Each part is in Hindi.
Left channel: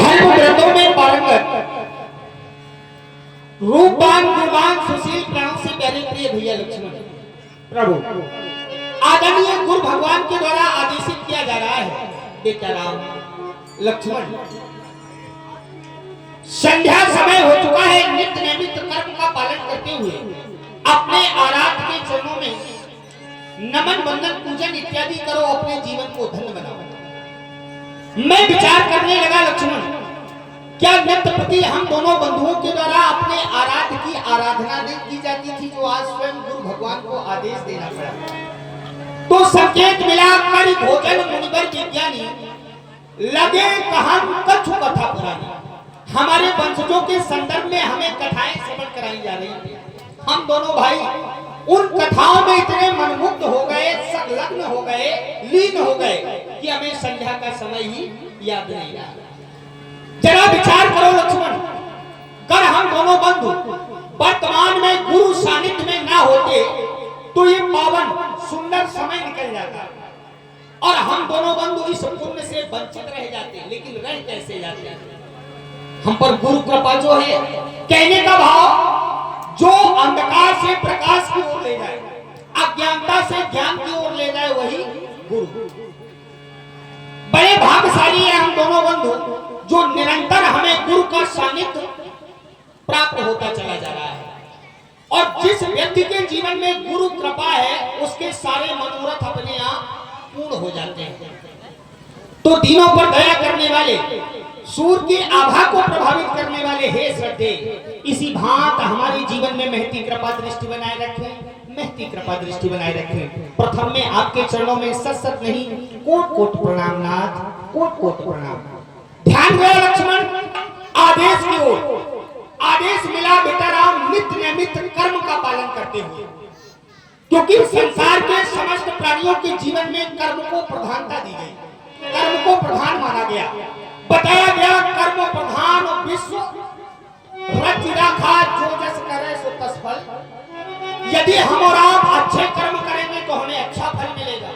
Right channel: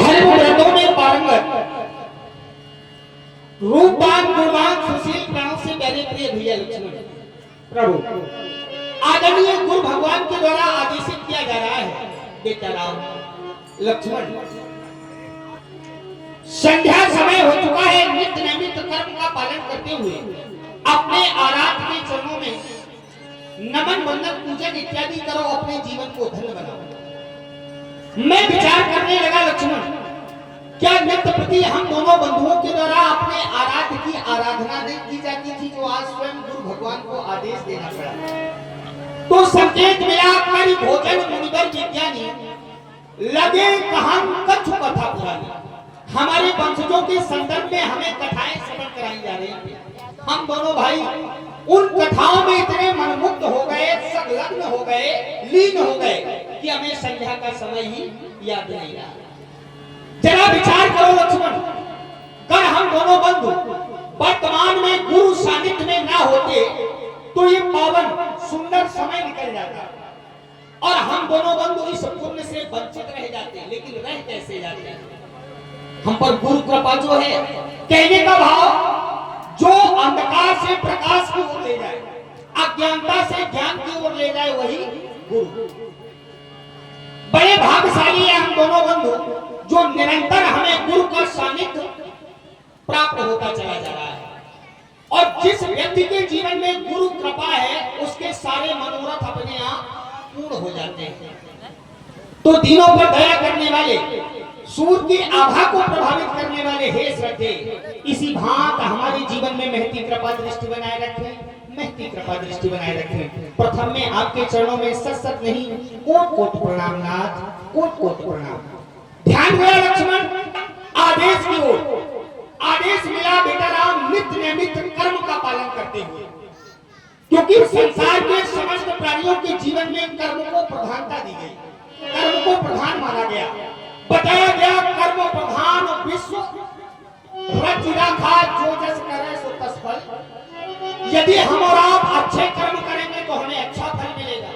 धर्म व्रतों में पारंगत, रूपवान गुणवान सुशील प्राणों से प्यारे प्रिय भैया लक्ष्मण प्रभु आदरणीय गुरु भगवान के द्वारा आदेशित किया जा रहा है। बेटा राम लक्ष्मण, संध्या समय हो चुका है। नित्य नैमित कर्म का पालन करते हुए अपने आराध्य के चरणों में नमन वंदन पूजन इत्यादि करो, अपने जीवन को धन्य बनाओ। मैं विचार करने लगा लक्ष्मण, क्या नित्य प्रति हम दोनों बंधुओं के द्वारा अपने आराध्य की आराधना नहीं की जाती थी, जो आज स्वयं गुरु भगवान को आदेश देना पड़ा। तो संकेत मिला कर भोजन मुनिवर विज्ञानी लगे कहां कछु कथा पुरानी। हमारे वंशजों के संदर्भ में हमें कथाएं श्रवण कराई जा रही थी। हम दोनों भाई उन कथाओं में इतने मनमुग्ध हो गए, संलग्न हो गए, लीन हो गए कि हमें संध्या का समय ही याद नहीं रहा। जरा विचार करो लक्ष्मण, अगर हम दोनों बंधु वर्तमान में गुरु सानिध्य में ना होते तो ये पावन सुंदर समय निकल जाता और हम दोनों बंधु इस पुण्य से वंचित रह जाते। लेकिन रह कैसे जाते? हम पर गुरु कृपा जो है, कहने का भाव जो अंधकार से प्रकाश की ओर ले जाए, अज्ञानता से ज्ञान की ओर ले जाए, वही गुरु। बड़े भाग्यशाली है हम दोनों बंधु, जो निरंतर हमें गुरु का सानिध्य प्राप्त होता चला जा रहा है। और जिस व्यक्ति के जीवन में गुरु कृपा है, उसके सारे मनोरथ अपने आप पूर्ण हो जाते हैं। तो दिनों पर दया करने वाले, सूर्य की आभा को प्रभावित करने वाले हे श्रद्धे, इसी भांत हमारे जीवन में महती कृपा दृष्टि बनाए रखें, महती कृपा दृष्टि बनाए रखें। प्रथम में आपके चरणों में सत नहीं कोट कोट प्रणाम नाथ, कोट कोट प्रणाम। ध्यान गया लक्ष्मण, आदेश की ओर आदेश मिला बेटा राम, नित्य नैमित कर्म का पालन करते हुए, क्योंकि संसार के समस्त प्राणियों के जीवन में कर्म को प्रधानता दी गई, कर्म को प्रधान माना गया। बताया गया कर्म प्रधान विश्व रखा, जो जस करे सो तस फल। यदि हम और आप अच्छे कर्म करेंगे तो हमें अच्छा फल मिलेगा,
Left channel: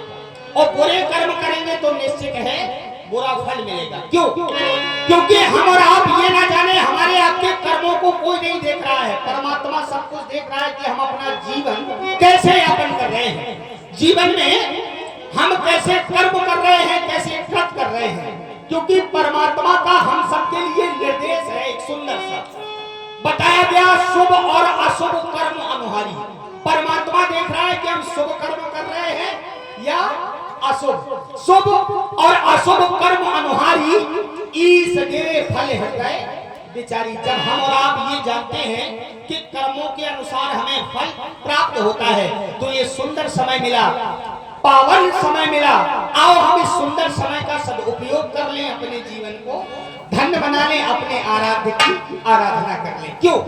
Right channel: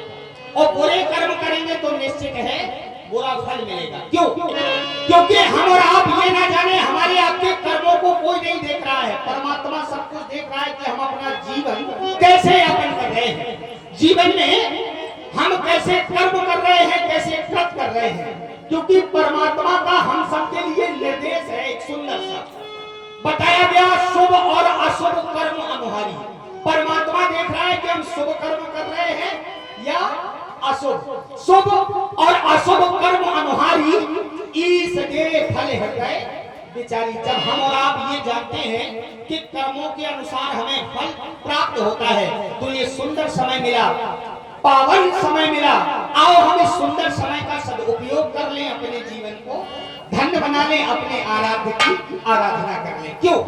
और बुरे कर्म करेंगे तो निश्चित है बुरा फल मिलेगा। क्यों? क्योंकि हम और आप ये ना जाने हमारे आपके कर्मों को कोई नहीं देख रहा है, परमात्मा सब कुछ देख रहा है कि हम अपना जीवन कैसे यापन कर रहे हैं, जीवन में हम कैसे कर्म कर रहे हैं, कैसे कृत कर रहे हैं। क्योंकि परमात्मा का हम सबके लिए निर्देश है एक सुंदर सा, बताया गया शुभ और अशुभ कर्म अनुहारी। परमात्मा देख रहा है कि हम शुभ कर्म कर रहे हैं या अशुभ। शुभ और अशुभ कर्म अनुहारी ईस दे फल हृदय बिचारी। जब हम और आप ये जानते हैं कि कर्मों के अनुसार हमें फल प्राप्त होता है, तो ये सुंदर समय मिला, पावन समय मिला। आओ हम इस सुंदर समय का सदुपयोग कर लें, अपने जीवन को धन्य बना लें, अपने आराध्य की आराधना कर लें। क्यों?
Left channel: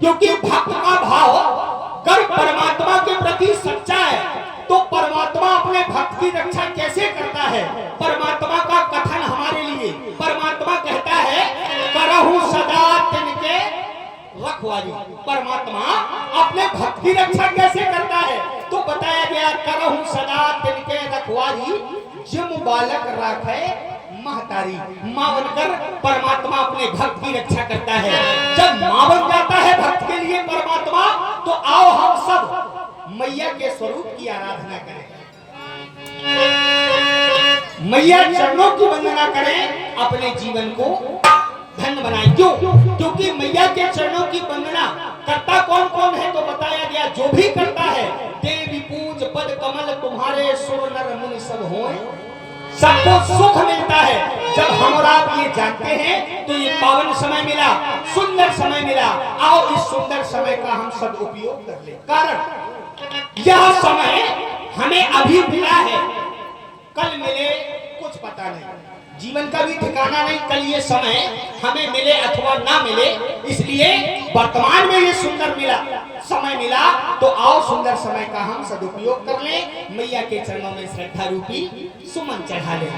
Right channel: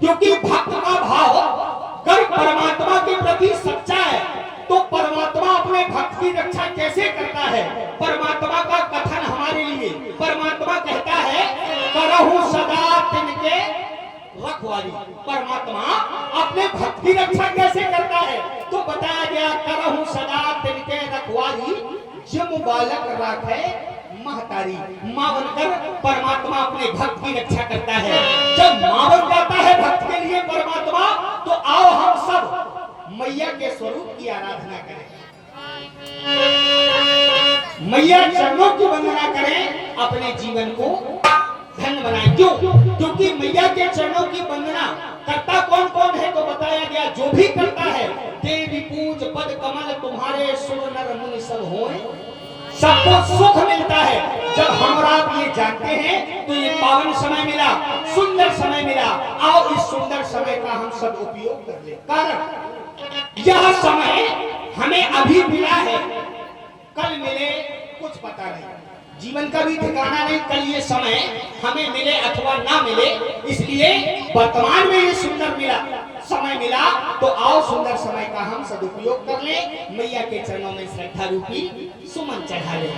क्योंकि भक्त का भाव अगर परमात्मा के प्रति सच्चा है तो परमात्मा अपने भक्त की रक्षा कैसे करता है। परमात्मा का कथन हमारे लिए, परमात्मा कहता है करहु सदा तिनके रखवाली। परमात्मा अपने भक्त की रक्षा कैसे करता है? तो बताया गया करहु सदा तिनके रखवाली, जम बालक राखे महतारी। मां बनकर परमात्मा अपने भक्त की रक्षा करता है। जब मां बन जाता है भक्त के लिए परमात्मा, तो आओ हम सब मैया के स्वरूप की आराधना करें, मैया चरणों की वंदना करें, अपने जीवन को धन्य बनाएं। क्यों? क्योंकि मैया के चरणों की वंदना करता कौन कौन है? तो बताया गया जो भी करता है, देवी पूज पद कमल तुम्हारे सुर नर मुनि सब होए, सबको सुख मिलता है। जब हम और आप ये जानते हैं तो ये पावन समय मिला, सुंदर समय मिला। आओ इस सुंदर समय का हम सब उपयोग कर लें। कारण यह समय हमें अभी मिला है, कल मिले कुछ पता नहीं, जीवन का भी ठिकाना नहीं, कल ये समय हमें मिले अथवा ना मिले। इसलिए वर्तमान में ये सुंदर मिला समय मिला, तो आओ सुंदर समय का हम सदुपयोग कर लें, मैया के चरणों में श्रद्धा रूपी सुमन चढ़ा लें।